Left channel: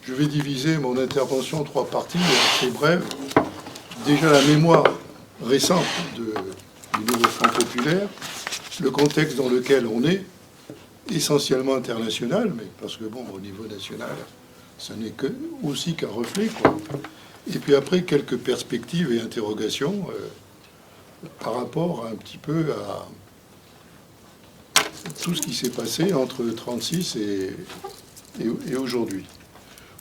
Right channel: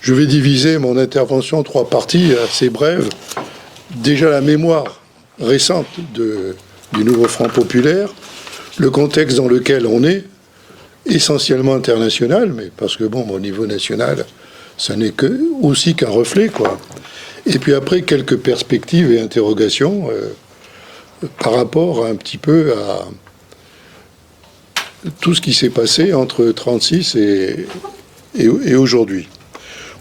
Je vais diviser mon intervention en trois parties assez brèves. Déjà la mémoire récente du nouveau Front populaire, le contexte dans lequel on est, essentiellement international, mais parce que bon, au niveau national, ça n'est aussi qu'un reflet, quoi. Et puis après, quelques perspectives et interrogations par rapport un petit peu à tout ce qui s'est passé entre 1936 et aujourd'hui.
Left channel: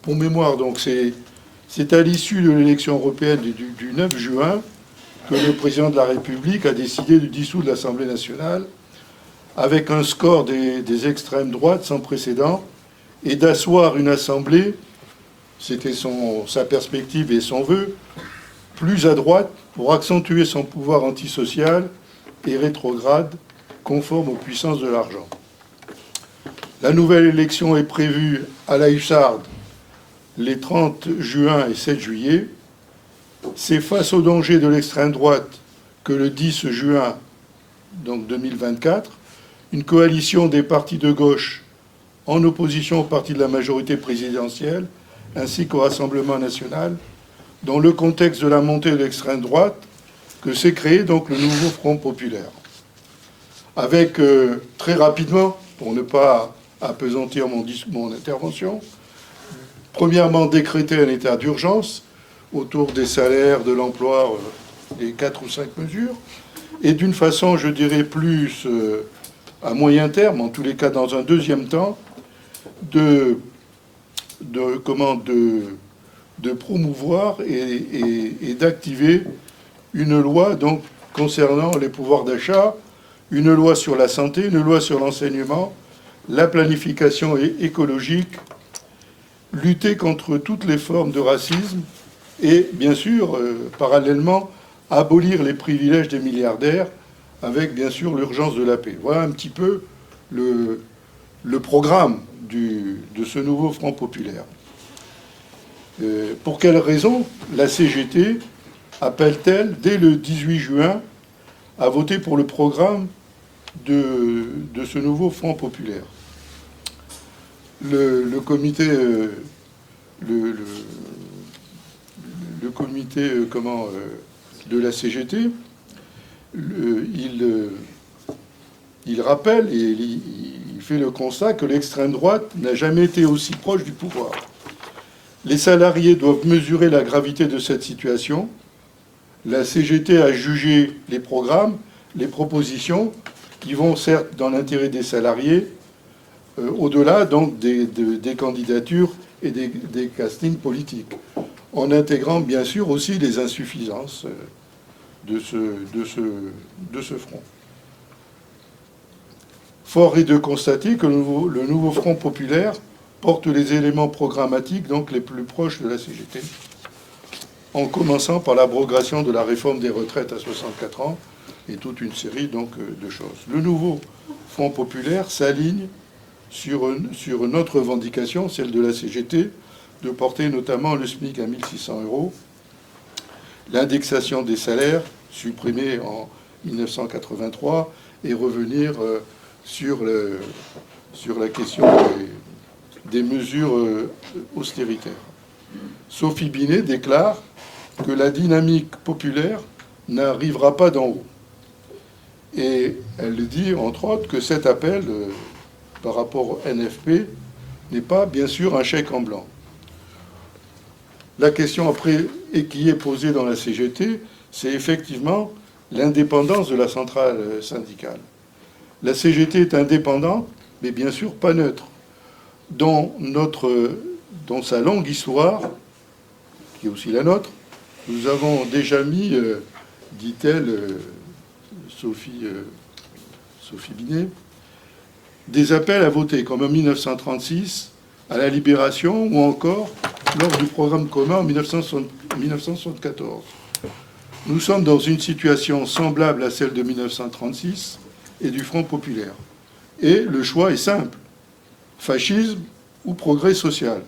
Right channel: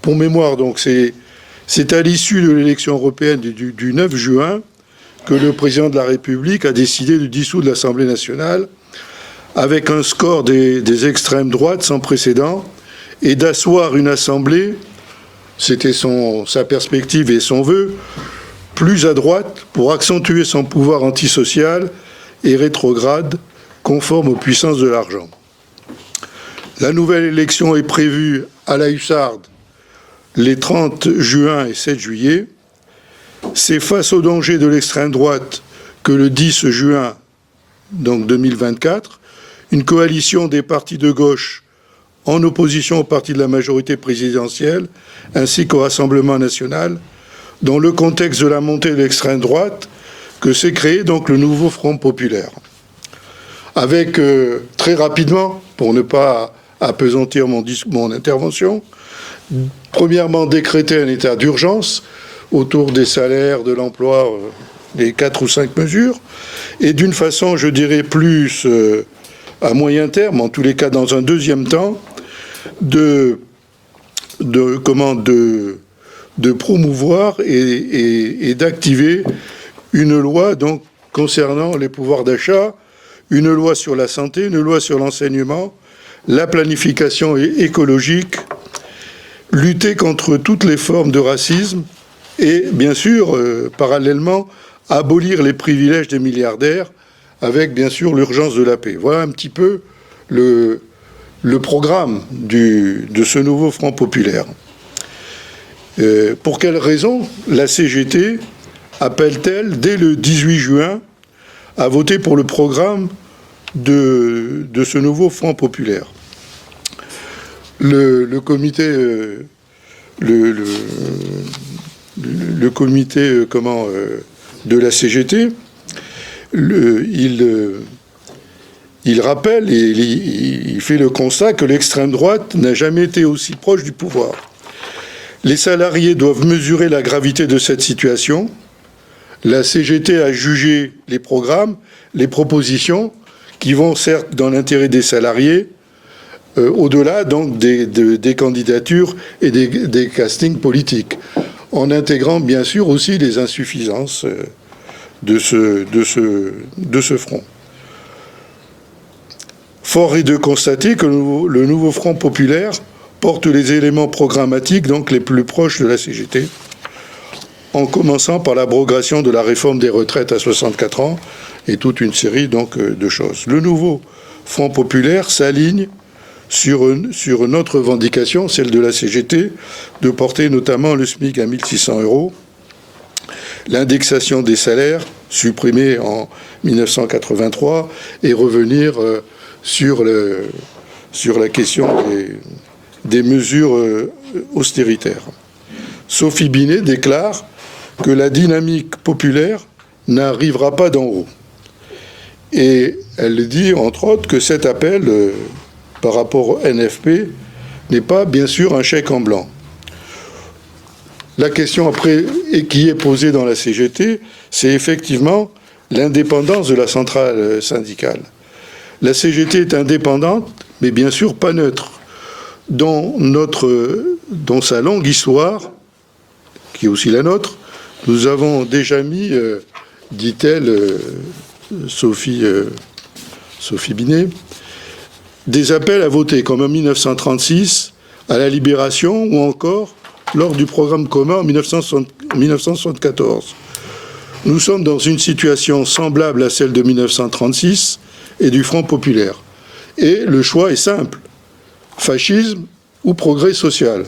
Pour mémoire, donc, c'est à l'issue de l'élection européenne du 9 juin que le président de la République a décidé de dissoudre l'Assemblée nationale avec un score des extrêmes droites sans précédent et d'asseoir une Assemblée, c'était sa perspective et son vœu, plus à droite pour accentuer son pouvoir antisocial et rétrograde conforme aux puissances de l'argent. La nouvelle élection est prévue à la hussarde les 30 juin et 7 juillet. C'est face au danger de l'extrême droite que le 10 juin, donc 2024, une coalition des partis de gauche en opposition au parti de la majorité présidentielle ainsi qu'au Rassemblement national, dans le contexte de la montée de l'extrême droite, que s'est créé donc le nouveau Front populaire. Avec, très rapidement, pour ne pas appesantir mon intervention, premièrement, décréter un état d'urgence autour des salaires, de l'emploi, des 4 ou 5 mesures, et d'une façon, je dirais, plus à moyen terme, en tous les cas dans un deuxième temps, de promouvoir et d'activer une loi donc, concernant les pouvoirs d'achat, une loi sur la santé, une loi sur l'enseignement, la planification écologique, lutter contre toutes les formes de racisme et, bien sûr, parallèlement, abolir les privilèges des milliardaires avec, bien sûr, l'urgence de la paix. Voilà un petit peu le programme de ce nouveau Front populaire. Pour quelles raisons la CGT appelle-t-elle, dès le 18 juin, à voter pour le programme de ce nouveau Front populaire? Le comité de la CGT, il rappelle et il fait le constat que l'extrême droite n'a jamais été aussi proche du pouvoir. Les salariés doivent mesurer la gravité de cette situation. La CGT a jugé les programmes, les propositions, qui vont certes dans l'intérêt des salariés, au-delà donc des candidatures et des castings politiques, en intégrant bien sûr aussi les insuffisances de ce front. Fort est de constater que le nouveau Front populaire porte les éléments programmatiques donc les plus proches de la CGT, en commençant par l'abrogation de la réforme des retraites à 64 ans et toute une série donc de choses. Le nouveau Front populaire s'aligne sur une autre revendication, celle de la CGT, de porter notamment le SMIC à 1 600 €, l'indexation des salaires, supprimée en 1983, et revenir sur la question des mesures austéritaires. Sophie Binet déclare que la dynamique populaire n'arrivera pas d'en haut. Et elle dit, entre autres, que cet appel, par rapport au NFP, n'est pas, bien sûr, un chèque en blanc. La question après, et qui est posée dans la CGT, c'est effectivement l'indépendance de la centrale syndicale. La CGT est indépendante, mais bien sûr pas neutre. Dans sa longue histoire, qui est aussi la nôtre, nous avons déjà mis, dit-elle, Sophie Binet, des appels à voter, comme en 1936, à la Libération, ou encore lors du programme commun en 1974. Nous sommes dans une situation semblable à celle de 1936 et du Front populaire. Et le choix est simple, fascisme ou progrès social.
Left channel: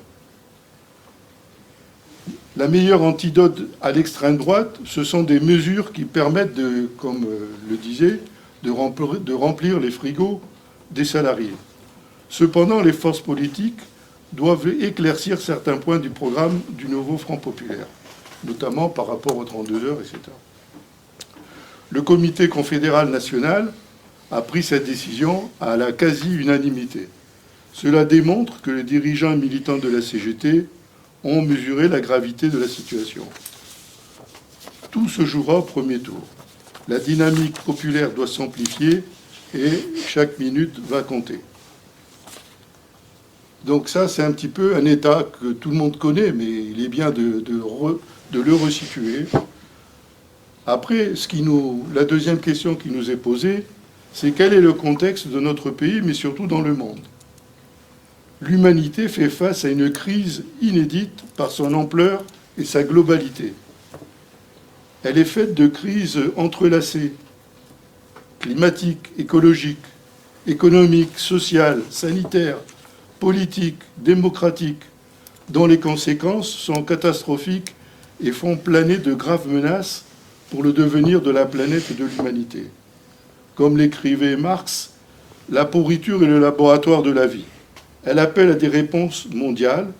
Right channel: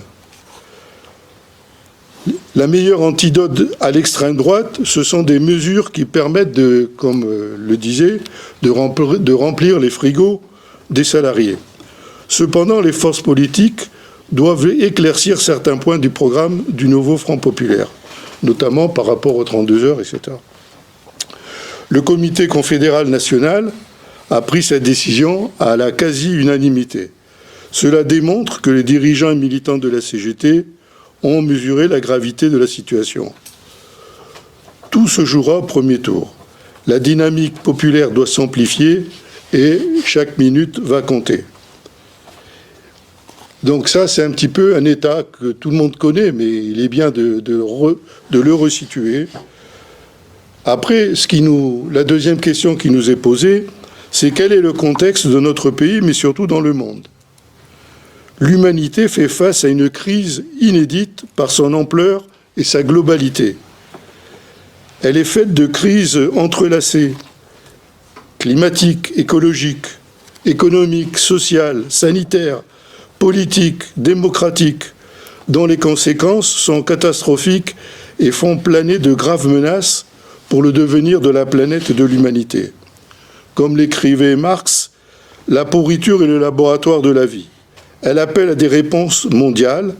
La meilleure antidote à l'extrême droite, ce sont des mesures qui permettent comme le disait, de remplir les frigos des salariés. Cependant, les forces politiques doivent éclaircir certains points du programme du nouveau Front populaire, notamment par rapport aux 32 heures, etc. Le comité confédéral national a pris cette décision à la quasi-unanimité. Cela démontre que les dirigeants et militants de la CGT ont mesuré la gravité de la situation. Tout se jouera au premier tour. La dynamique populaire doit s'amplifier et chaque minute va compter. Donc ça, c'est un petit peu un état que tout le monde connaît, mais il est bien de le resituer. Après, la deuxième question qui nous est posée, c'est quel est le contexte de notre pays, mais surtout dans le monde. L'humanité fait face à une crise inédite par son ampleur et sa globalité. Elle est faite de crises entrelacées, climatiques, écologiques, économiques, sociales, sanitaires, politiques, démocratiques, dont les conséquences sont catastrophiques et font planer de graves menaces pour le devenir de la planète et de l'humanité. Comme l'écrivait Marx, la pourriture est le laboratoire de la vie. Elle appelle à des réponses mondiales,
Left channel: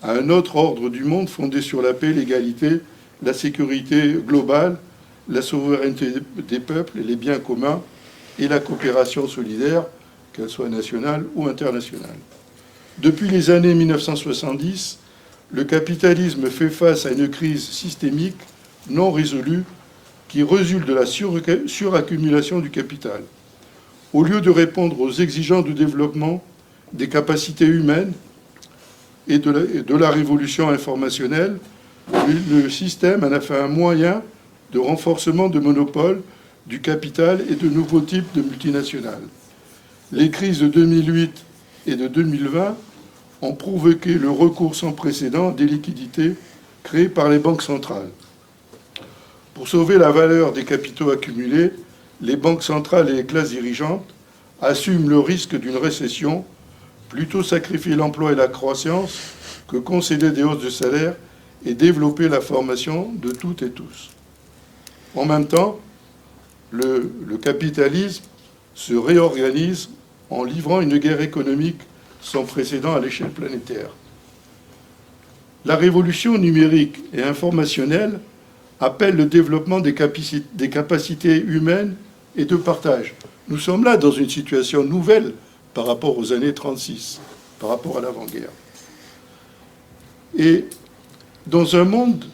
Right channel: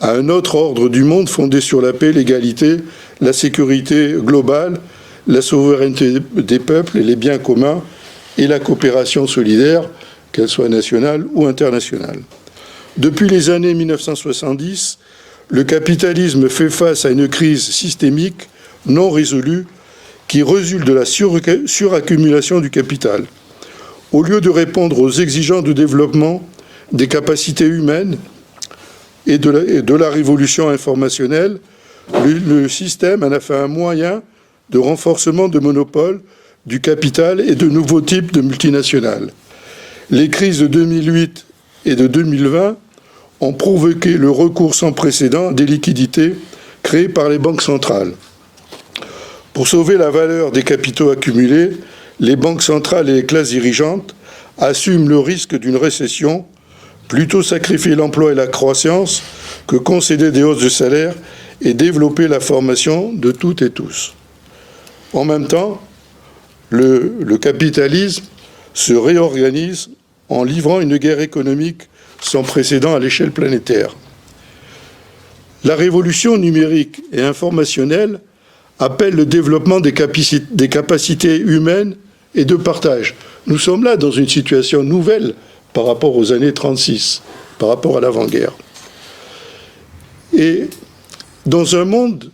à un autre ordre du monde fondé sur la paix, l'égalité, la sécurité globale, la souveraineté des peuples et les biens communs et la coopération solidaire, qu'elle soit nationale ou internationale. Depuis les années 1970, le capitalisme fait face à une crise systémique non résolue qui résulte de la suraccumulation du capital. Au lieu de répondre aux exigences de développement des capacités humaines et de la révolution informationnelle, le système en a fait un moyen de renforcement de monopole du capital et de nouveaux types de multinationales. Les crises de 2008 et de 2020 ont provoqué le recours sans précédent des liquidités créées par les banques centrales. Pour sauver la valeur des capitaux accumulés, les banques centrales et les classes dirigeantes assument le risque d'une récession, plutôt sacrifier l'emploi et la croissance que concéder des hausses de salaire et développer la formation de toutes et tous. En même temps, le capitalisme se réorganise en livrant une guerre économique sans précédent à l'échelle planétaire. La révolution numérique et informationnelle appelle le développement des capacités humaines et de partage. Nous sommes là dans une situation nouvelle par rapport aux années 36, par rapport à l'avant-guerre. Et dans un monde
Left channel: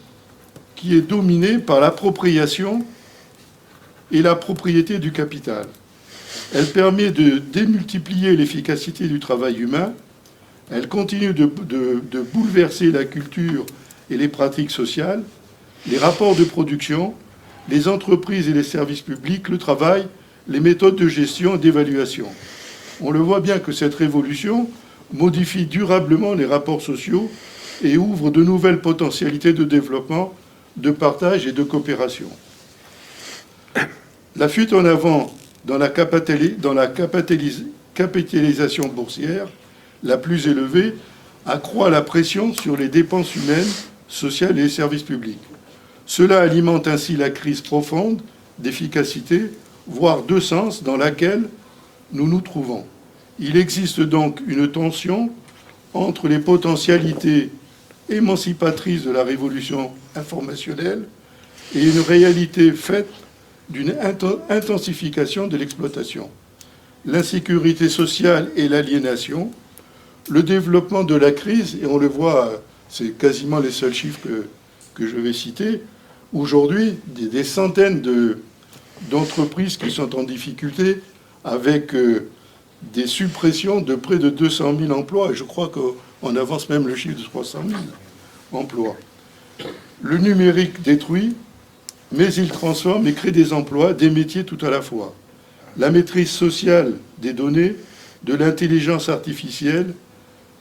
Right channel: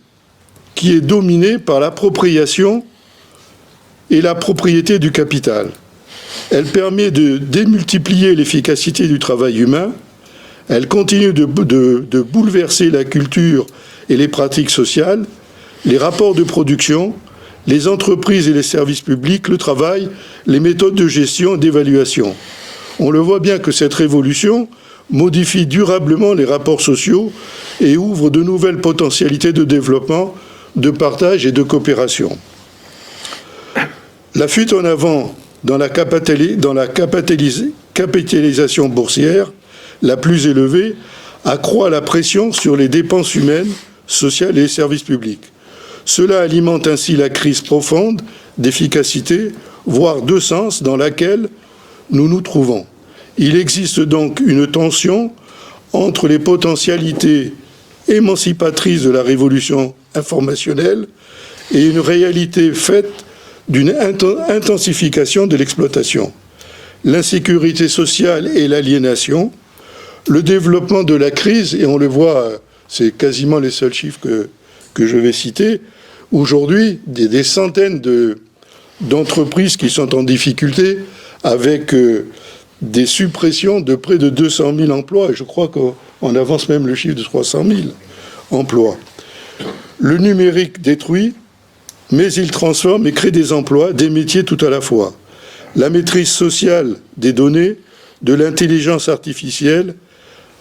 qui est dominé par l'appropriation et la propriété du capital. Elle permet de démultiplier l'efficacité du travail humain, elle continue de bouleverser la culture et les pratiques sociales, les rapports de production, les entreprises et les services publics, le travail, les méthodes de gestion et d'évaluation. On le voit bien que cette révolution modifie durablement les rapports sociaux et ouvre de nouvelles potentialités de développement, de partage et de coopération. La fuite en avant dans la capitalisation boursière la plus élevée accroît la pression sur les dépenses humaines, sociales et les services publics. Cela alimente ainsi la crise profonde d'efficacité, voire de sens, dans laquelle nous nous trouvons. Il existe donc une tension entre les potentialités émancipatrices de la révolution informationnelle et une réalité faite d'une intensification de l'exploitation. L'insécurité sociale et l'aliénation, le développement de la crise, et on le voit, c'est quasiment les seuls chiffres que je vais citer, aujourd'hui, des centaines d'entreprises qui sont en difficulté avec des suppressions de près de 200 000 emplois, et je crois qu'on avance même le chiffre de 300 000 emplois. Le numérique détruit, mais il transforme et crée des emplois, des métiers tout à la fois. La maîtrise sociale des données, de l'intelligence artificielle,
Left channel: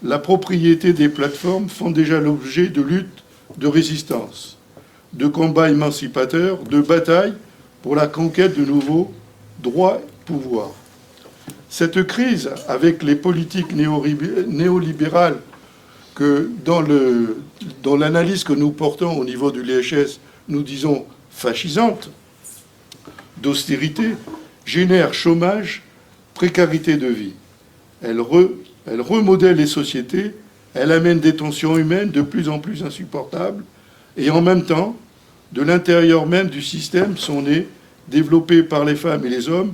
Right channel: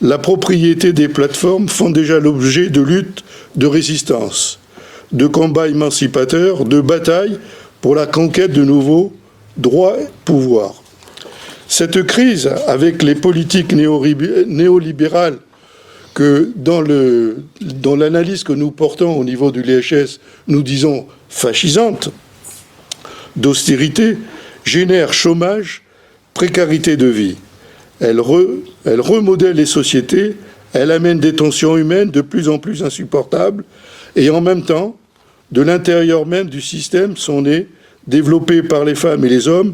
la propriété des plateformes font déjà l'objet de luttes de résistance, de combats émancipateurs, de batailles pour la conquête de nouveaux droits et pouvoirs. Cette crise, avec les politiques néolibérales que dans l'analyse que nous portons au niveau du LHS, nous disons fascisante, d'austérité, génère chômage, précarité de vie. Elle remodèle les sociétés, Elle amène des tensions humaines de plus en plus insupportables, et en même temps, de l'intérieur même du système sont nés, développés par les femmes et les hommes,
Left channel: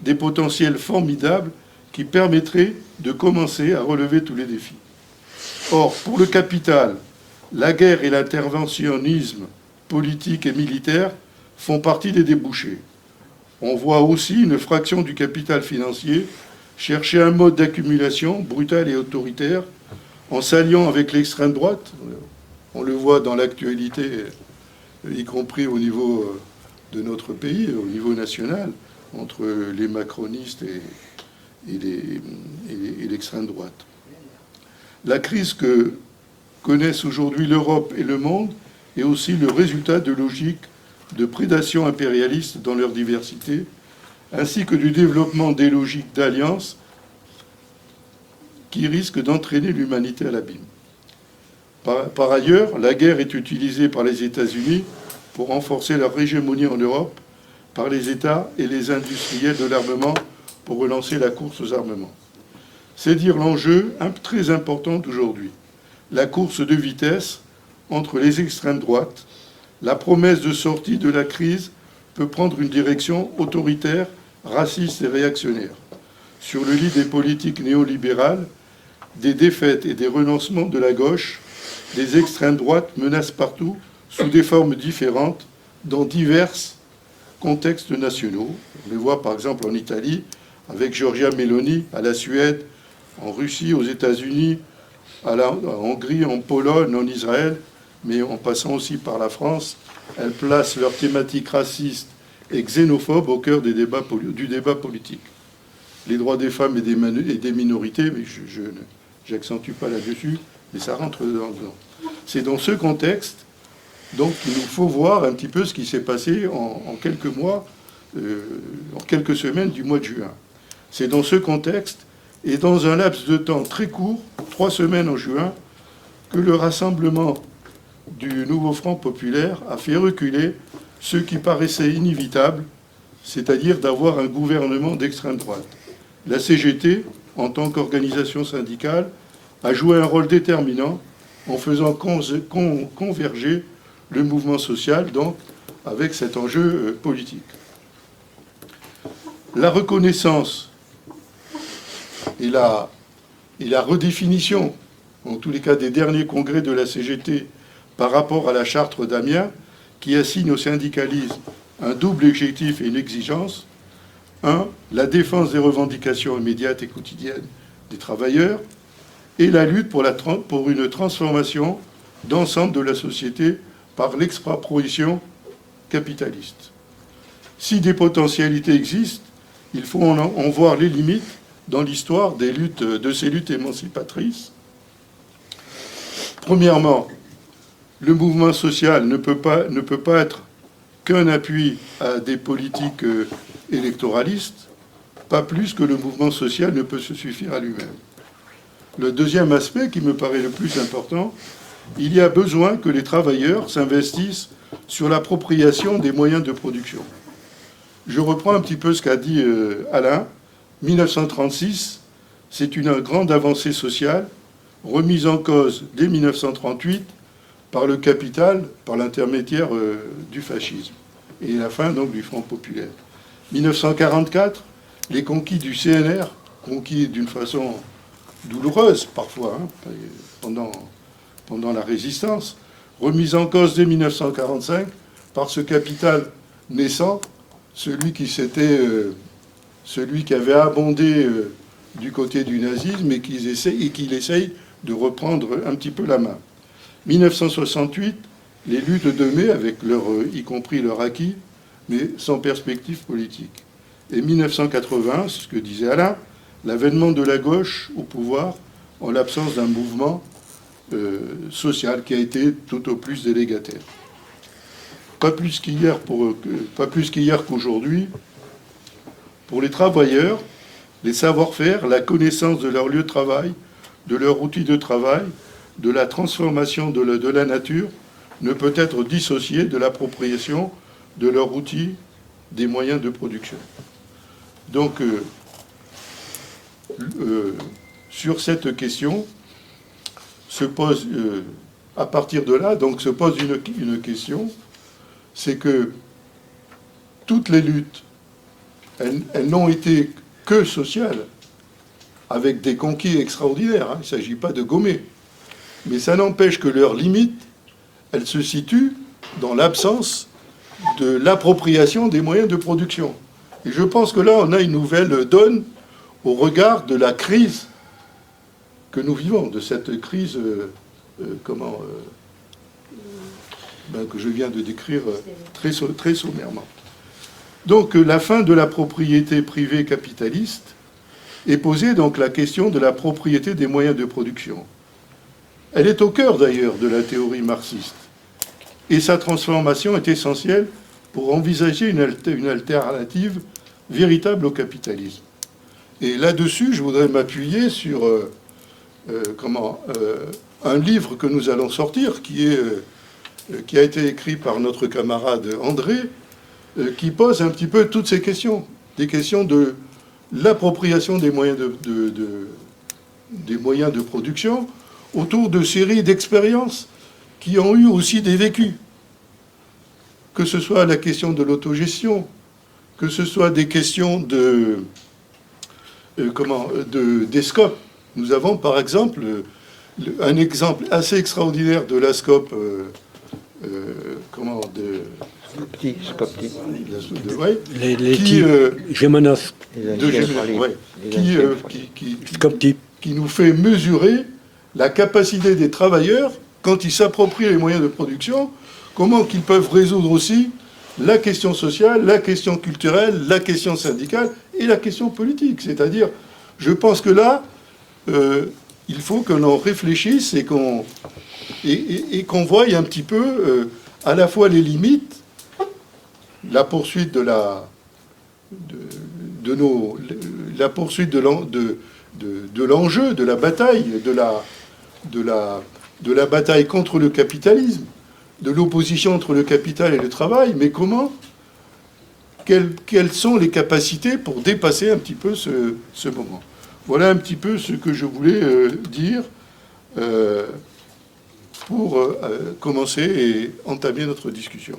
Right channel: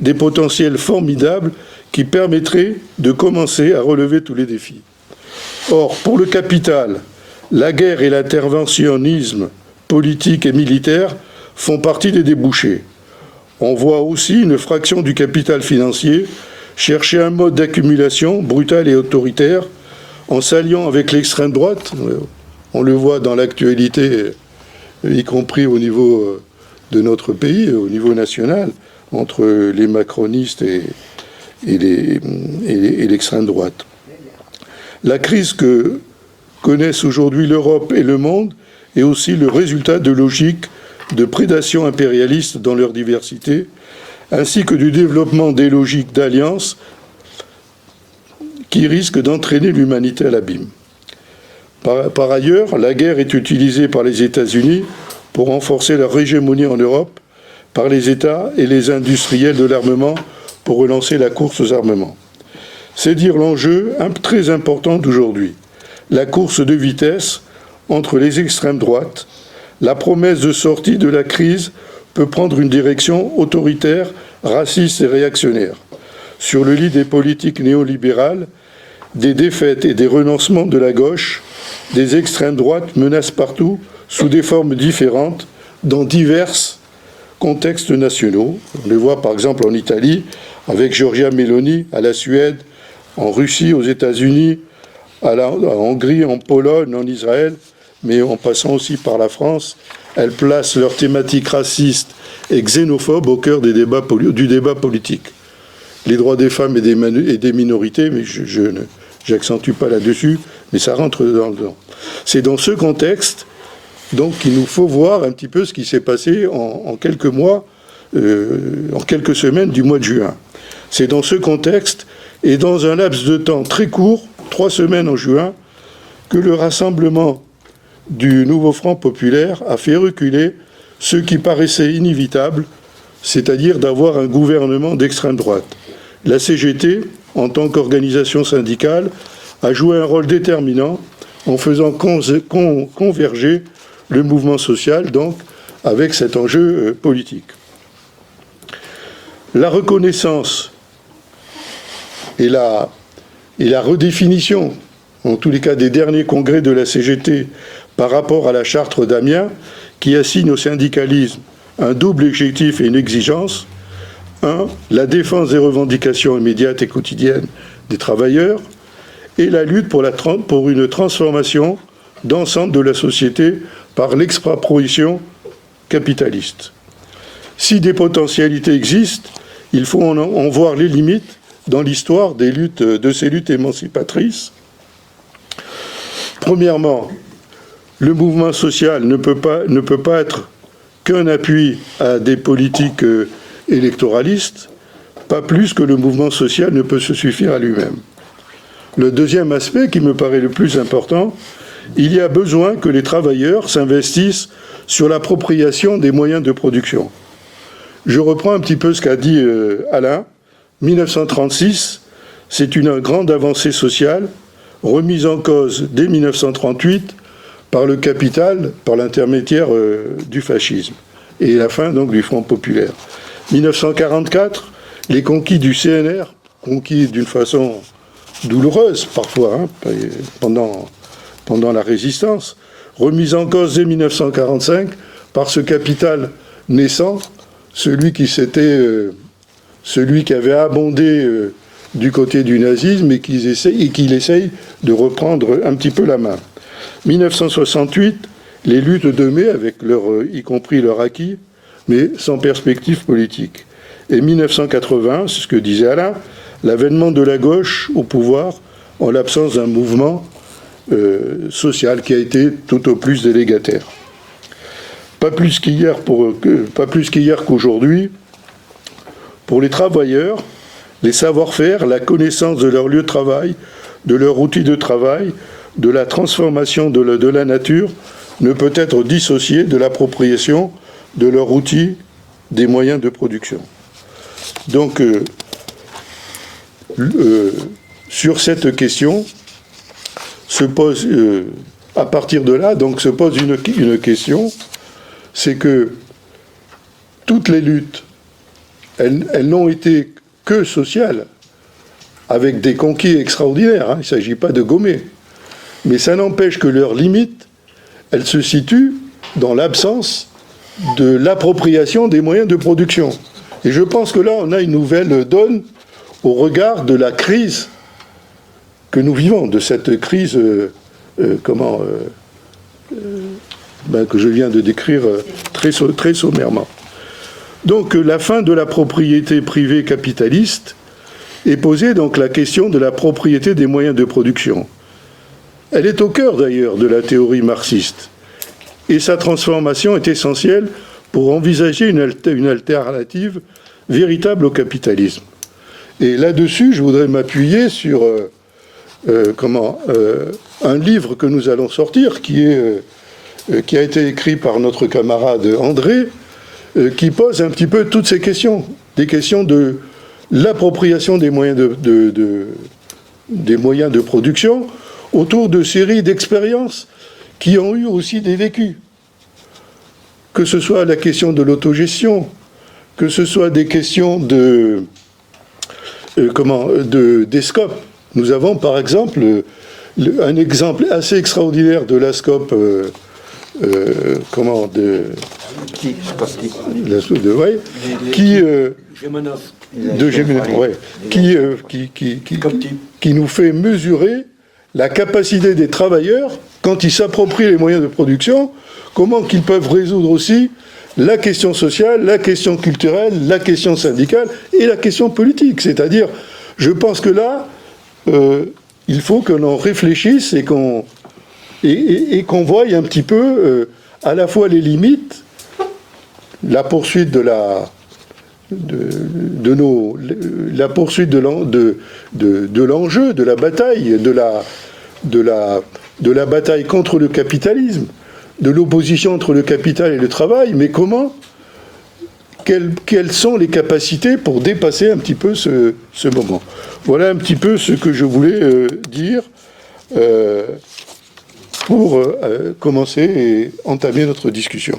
des potentiels formidables qui permettraient de commencer à relever tous les défis. Or, pour le capital, la guerre et l'interventionnisme politique et militaire font partie des débouchés. On voit aussi une fraction du capital financier chercher un mode d'accumulation brutal et autoritaire en s'alliant avec l'extrême droite. On le voit dans l'actualité, y compris au niveau de notre pays, au niveau national, entre les macronistes et l'extrême droite. La crise que connaissent aujourd'hui l'Europe et le monde est aussi le résultat de logiques de prédation impérialiste dans leur diversité, ainsi que du développement des logiques d'alliance qui risquent d'entraîner l'humanité à l'abîme. Par ailleurs, la guerre est utilisée par les États-Unis pour renforcer leur hégémonie en Europe, par les États et les industriels de l'armement pour relancer la course aux armements. C'est dire l'enjeu très important d'aujourd'hui, la course de vitesse entre les extrêmes droites. La promesse de sortie de la crise peut prendre une direction autoritaire, raciste et réactionnaire. Sur le lit des politiques néolibérales, des défaites et des renoncements de la gauche, des extrêmes droites menacent partout, sous des formes différentes, dans divers contextes nationaux. On les voit par exemple en Italie, avec Giorgia Meloni, à la Suède, en Russie, aux États-Unis, en Hongrie, en Pologne, en Israël, mais en passant aussi par la France. Elles placent leurs thématiques racistes et xénophobes au cœur du débat politique. Les droits des femmes et des minorités, mais je n'accentue pas là-dessus, mais ça rentre dedans. C'est dans ce contexte donc qu'il nous faut voir un petit peu ce qui s'est passé en quelques mois, en quelques semaines du mois de juin. C'est dans ce contexte et dans un laps de temps très court, 3 semaines en juin, que le rassemblement du Nouveau Front populaire a fait reculer ce qui paraissait inévitable, c'est-à-dire d'avoir un gouvernement d'extrême droite. La CGT, en tant qu'organisation syndicale, a joué un rôle déterminant en faisant converger le mouvement social, donc, avec cet enjeu politique. La reconnaissance et la redéfinition, en tous les cas des derniers congrès de la CGT, par rapport à la charte d'Amiens, qui assigne au syndicalisme un double objectif et une exigence. 1. La défense des revendications immédiates et quotidiennes des travailleurs et la lutte pour une transformation d'ensemble de la société par l'expropriation capitaliste. Si des potentialités existent, il faut en voir les limites dans l'histoire de ces luttes émancipatrices. Premièrement, le mouvement social ne peut pas être qu'un appui à des politiques électoralistes, pas plus que le mouvement social ne peut se suffire à lui-même. Le deuxième aspect qui me paraît le plus important, il y a besoin que les travailleurs s'investissent sur l'appropriation des moyens de production. Je reprends un petit peu ce qu'a dit Alain. 1936, c'est une grande avancée sociale, remise en cause dès 1938 par le capital, par l'intermédiaire du fascisme, et la fin donc du Front populaire. 1944, les conquis du CNR, conquis d'une façon douloureuse parfois, pendant la résistance, remise en cause dès 1945 par ce capital naissant, celui qui avait abondé du côté du nazisme et qu'il essaye de reprendre un petit peu la main. 1968, les luttes de mai, avec y compris leur acquis, mais sans perspective politique. Et 1980, c'est ce que disait Alain, l'avènement de la gauche au pouvoir en l'absence d'un mouvement social qui a été tout au plus délégataire. Pas plus qu'hier qu'aujourd'hui, pour les travailleurs, les savoir-faire, la connaissance de leur lieu de travail, de leur outil de travail, de la transformation de la nature, ne peut être dissociée de l'appropriation de leur outil des moyens de production. Donc, sur cette question, se pose, à partir de là, donc se pose une question, c'est que toutes les luttes, elles n'ont été que sociales, avec des conquis extraordinaires, hein, il ne s'agit pas de gommer. Mais ça n'empêche que leur limite, elle se situe dans l'absence de l'appropriation des moyens de production. Et je pense que là, on a une nouvelle donne au regard de la crise que nous vivons, de cette crise que je viens de décrire très sommairement. Donc la fin de la propriété privée capitaliste est posée donc la question de la propriété des moyens de production. Elle est au cœur d'ailleurs de la théorie marxiste. Et sa transformation est essentielle pour envisager une alternative véritable au capitalisme. Et là-dessus, je voudrais m'appuyer sur un livre que nous allons sortir, qui a été écrit par notre camarade André, qui pose un petit peu toutes ces questions, des questions de l'appropriation des moyens des moyens de production autour de séries d'expériences qui ont eu aussi des vécus. Que ce soit la question de l'autogestion, que ce soit des questions des scopes. Nous avons par exemple un exemple assez extraordinaire de la scope qui nous fait mesurer la capacité des travailleurs, quand ils s'approprient les moyens de production, comment qu'ils peuvent résoudre aussi la question sociale, la question culturelle, la question syndicale et la question politique. C'est-à-dire, je pense que là, il faut que l'on réfléchisse et qu'on voie un petit peu à la fois les limites, la poursuite de la poursuite de l'enjeu, de la bataille, de la bataille contre le capitalisme, de l'opposition entre le capital et le travail, mais quelles sont les capacités pour dépasser un petit peu ce moment. Voilà un petit peu ce que je voulais dire pour commencer et entamer notre discussion.